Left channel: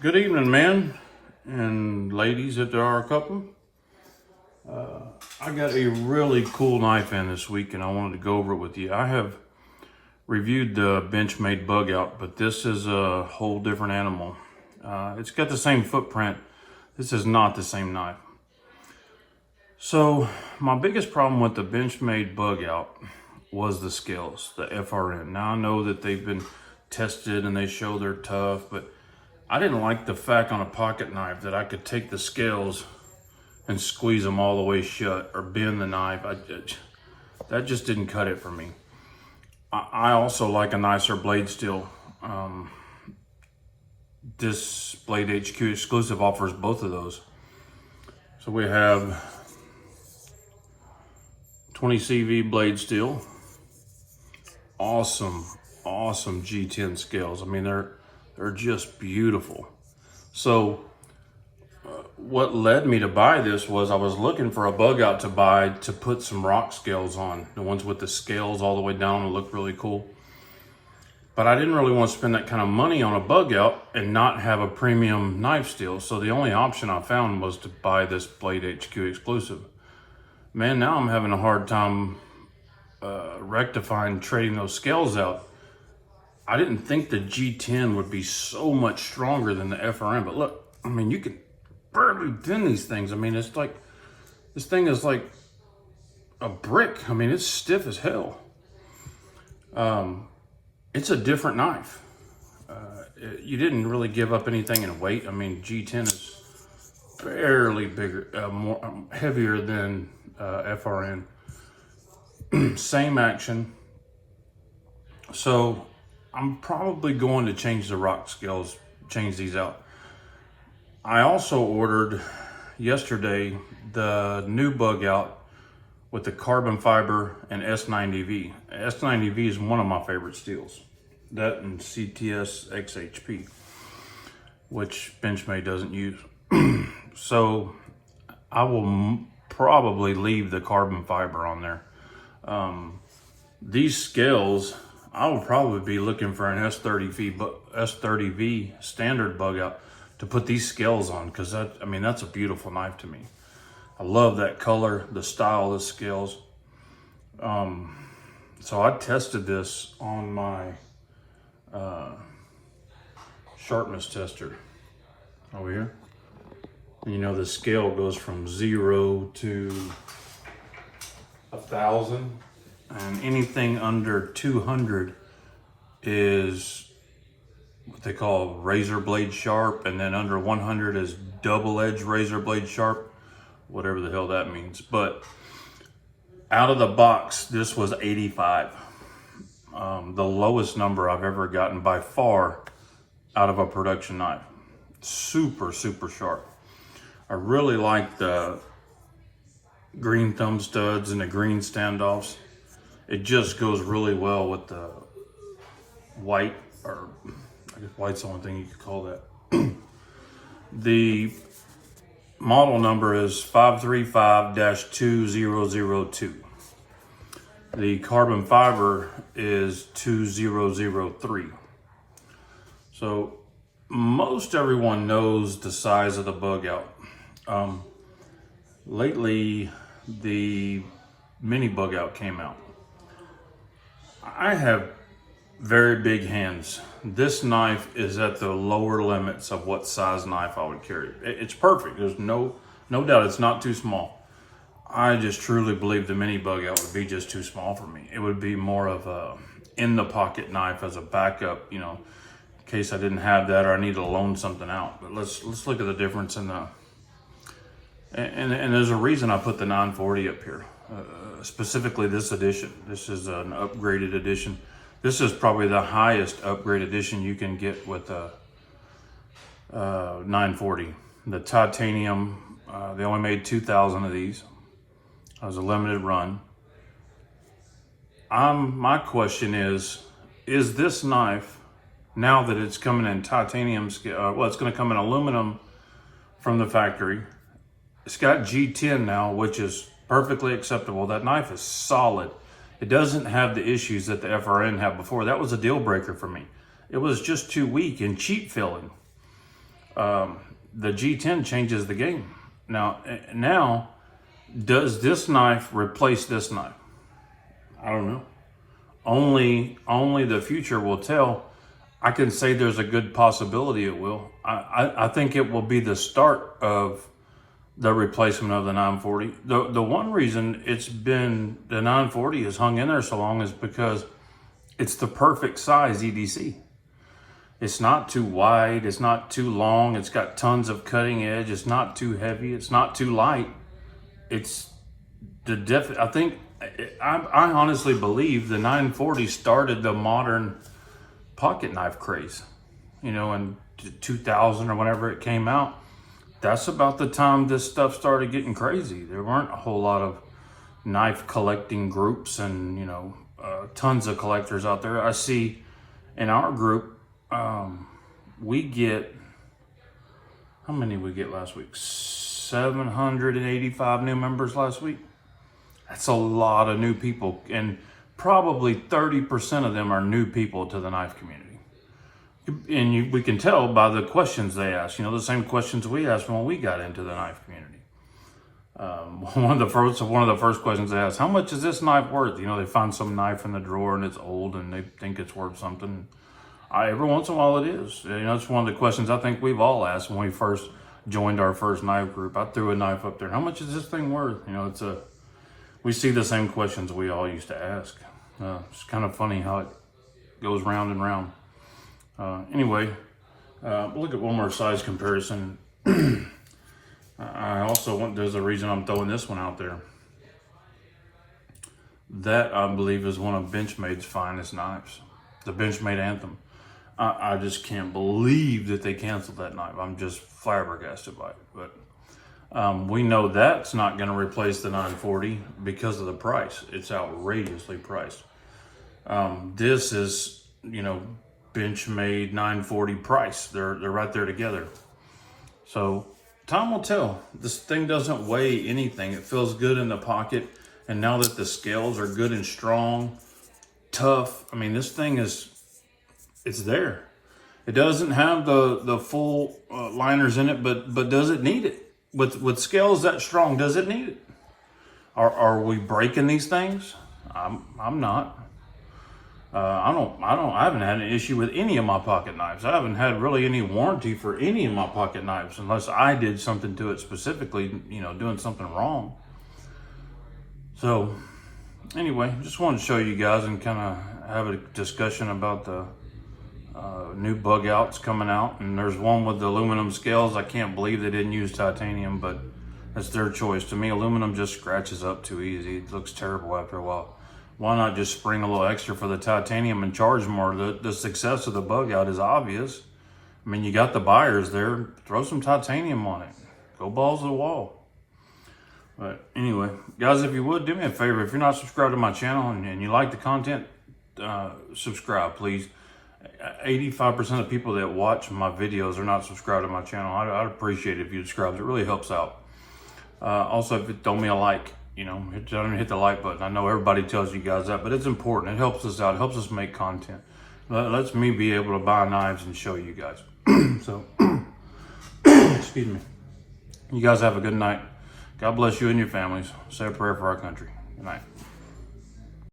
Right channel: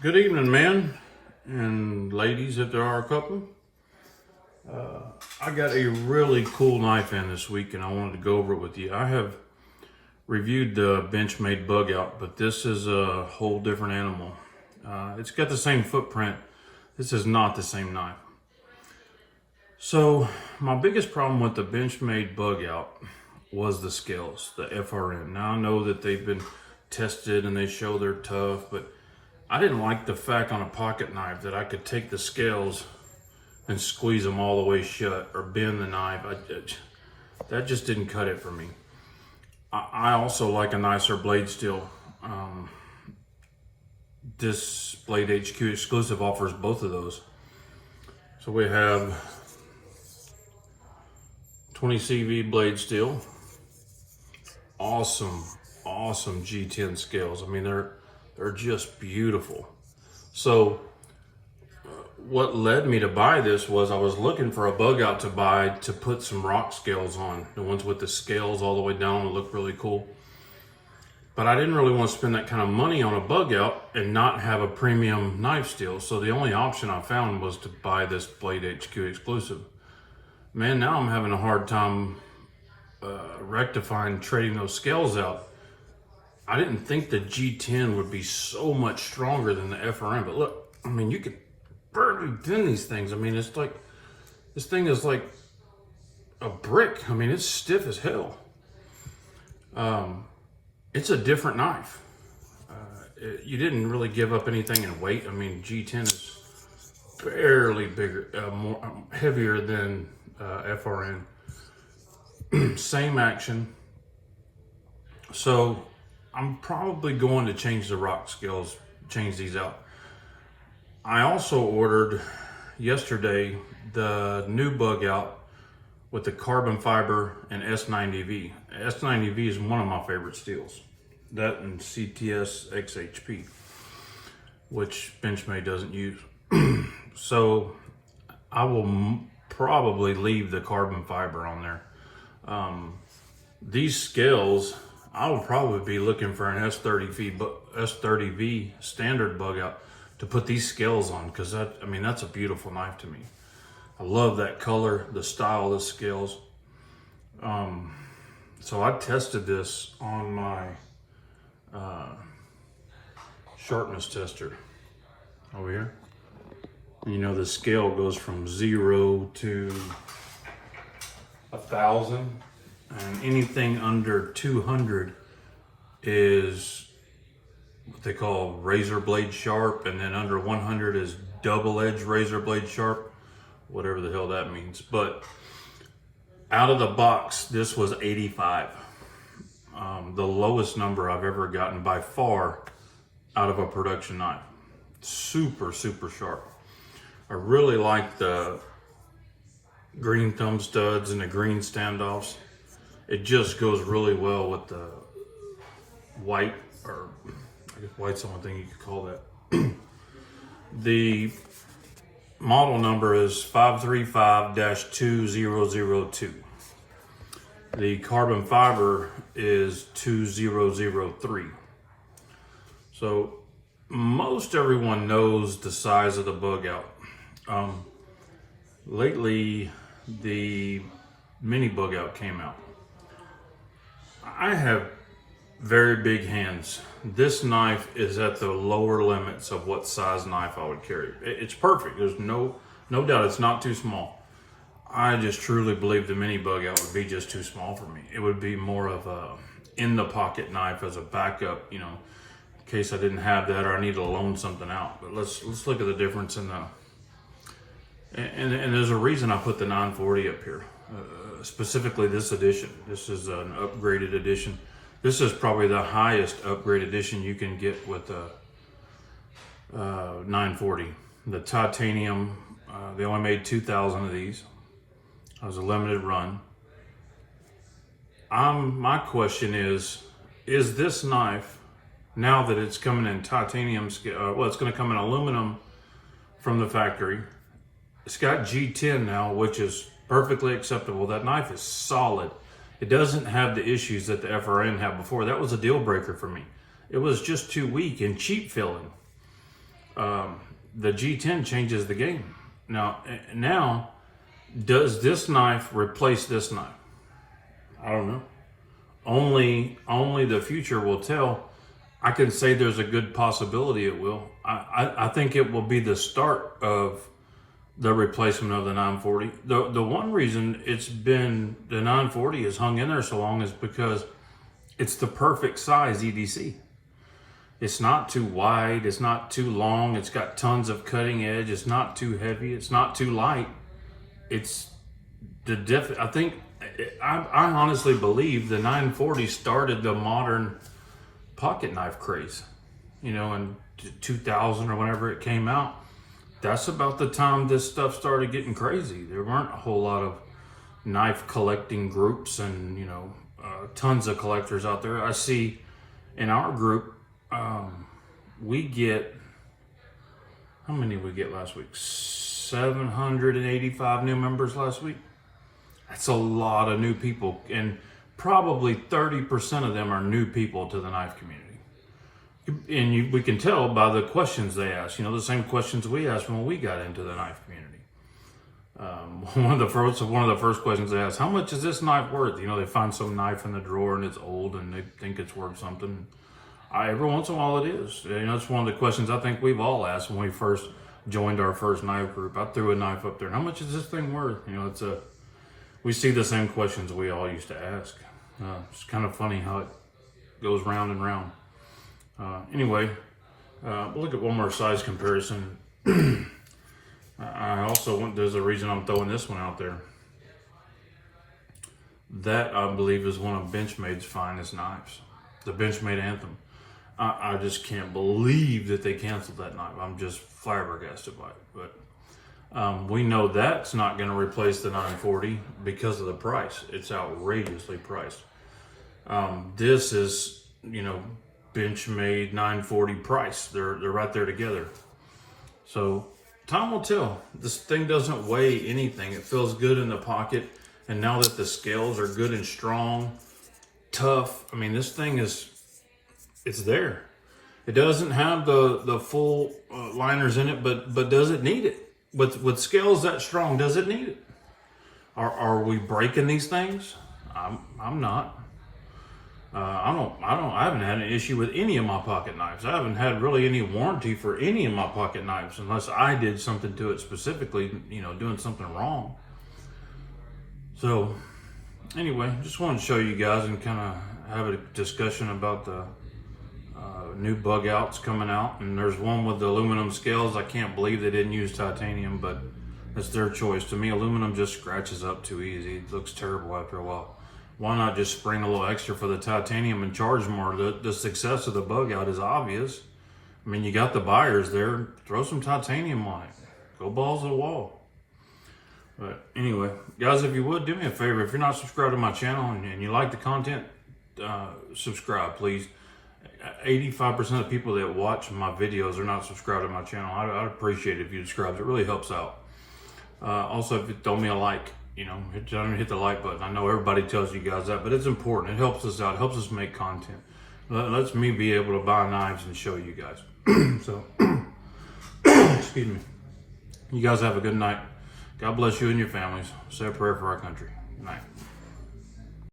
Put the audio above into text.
Good evening, men and ladies, if there are a couple. I got a really cool knife in this week and I wanted to go over it with you. I have reviewed the Benchmade Bugout, but this is a whole different animal. It's got the same footprint. This is not the same knife. So my biggest problem with the Benchmade Bugout was the scales, the FRN. Now I know that they've been tested and they show they're tough, but I didn't like the fact on a pocket knife that I could take the scales and squeeze them all the way shut or bend the knife. That just didn't cut it for me. I also like a nicer blade steel. This Blade HQ exclusive offers both of those. So we have 20 CV blade steel. Awesome G10 scales. I mean, they're just beautiful. So what led me to buy this was I was looking for a Bugout to buy to put some rock scales on. The ones with the scales all the way down look really cool. But I didn't really want to spend that kind of money on a Bugout and not have a premium knife steel. So the only option I found was to buy this Blade HQ exclusive. Man, now I'm having a hard time rectifying trading those scales out. I didn't think the G10 would be so much stronger than the FRN, but look, I mean, you can barely bend these things. I mean, it's like, this thing is like a brick. I mean, it's stiff as hell. It's a different knife. You didn't really give up anything in weight. I mean, G10 is barely bigger, more heavier than FRN. Same action. So I'm probably going to change the rock scales, change these out. I also ordered yesterday the new Bugout with the carbon fiber and S90V. S90V is one of my favorite steels. That and CTS XHP, which Benchmade doesn't use. So I will probably leave the carbon fiber on there. These scales, I will probably be looking for an S30V standard Bugout to put these scales on, because that's a beautiful knife to me. I love that color, the style of the scales. So I tested this on my sharpness tester over here. And you know, the scale goes from 0 to 1,000, and anything under 200 is what they call razor blade sharp, and then under 100 is double edge razor blade sharp, whatever the hell that means. But out of the box, this was 85. The lowest number I've ever gotten by far out of a production knife. Super sharp. I really like the green thumb studs and the green standoffs. It just goes really well with the white, or I guess white's the only thing you could call that. The model number is 535-2002. The carbon fiber is 2003. So most everyone knows the size of the Bugout. Lately, the mini Bugout came out. I have very big hands. This knife is at the lower limits of what size knife I would carry. It's perfect. There's no doubt it's not too small. I just truly believe the mini Bugout would be just too small for me. It would be more of a in the pocket knife as a backup, you know, in case I didn't have that or I needed to loan something out. But let's look at the difference in the, and there's a reason I put the 940 up here. Specifically this edition. This is an upgraded edition. This is probably the highest upgrade edition you can get with a 940. The titanium, they only made 2,000 of these. It was a limited run. My question is this knife, now that it's coming in titanium, well, it's going to come in aluminum from the factory. It's got G10 now, which is perfectly acceptable. That knife is solid. It doesn't have the issues that the FRN had before. That was a deal breaker for me. It was just too weak and cheap feeling. the G10 changes the game. Now, does this knife replace this knife? I don't know. Only the future will tell. I can say there's a good possibility it will. I think it will be the start of the replacement of the 940. The one reason it's been, the 940 has hung in there so long is because it's the perfect size EDC. It's not too wide, it's not too long, it's got tons of cutting edge, it's not too heavy, it's not too light. It's I honestly believe the 940 started the modern pocket knife craze. You know, in 2000 or whenever it came out, that's about the time this stuff started getting crazy. There weren't a whole lot of knife collecting groups and, you know, tons of collectors out there. I see in our group, we get, how many we get last week? 785 new members last week. That's a lot of new people, and probably 30% of them are new people to the knife community. And we can tell by the questions they ask, you know, the same questions we asked when we got into the knife community. One of the first questions they ask, how much is this knife worth? You know, they find some knife in the drawer and it's old and they think it's worth something. Every once in a while it is. You know, it's one of the questions I think we've all asked when we first joined our first knife group. I threw a knife up there. How much is this thing worth? You know, we see the same questions we all used to ask. It's kind of funny how it goes round and round. Anyway, we'll look at one more size comparison. I also there's a reason I'm throwing this one out there. That, I believe, is one of Benchmade's finest knives. The Benchmade Anthem. I just can't believe that they canceled that knife. I'm just flabbergasted by it. But we know that's not going to replace the 940 because of the price. It's outrageously priced. This is, you know, Benchmade 940 price. They're right there together. So time will tell. This thing doesn't weigh anything. It feels good in the pocket. And now that the scales are good and strong, tough, I mean, this thing it's there. It doesn't have the full liners in it, but does it need it? With scales that strong, does it need it? Are we breaking these things? I'm not. I haven't had an issue with any of my pocket knives. I haven't had really any warranty for any of my pocket knives unless I did something to it specifically, you know, doing something wrong. So anyway, just wanted to show you guys and kind of have a discussion about the new Bugouts coming out. And there's one with the aluminum scales. I can't believe they didn't use titanium, but that's their choice. To me, aluminum just scratches up too easy. It looks terrible after a while. Why not just spring a little extra for the titanium and charge more? The success of the Bugout is obvious. I mean, you got the buyers there. Throw some titanium on it. Go balls to the wall. But anyway, guys, if you would, do me a favor. If you're not subscribed to my channel and you like the content, subscribe, please. 85% of the people that watch my videos are not subscribed to my channel. I'd appreciate it if you subscribe. It really helps out. Also, if you throw me a like, you know, hit the like button. I know everybody tells you guys that, but it's important. It helps us out. It helps us make content. It lets me be able to buy knives and show you guys. So, excuse me. You guys have a good night. God bless you and your families. Say a prayer for our country. Good night.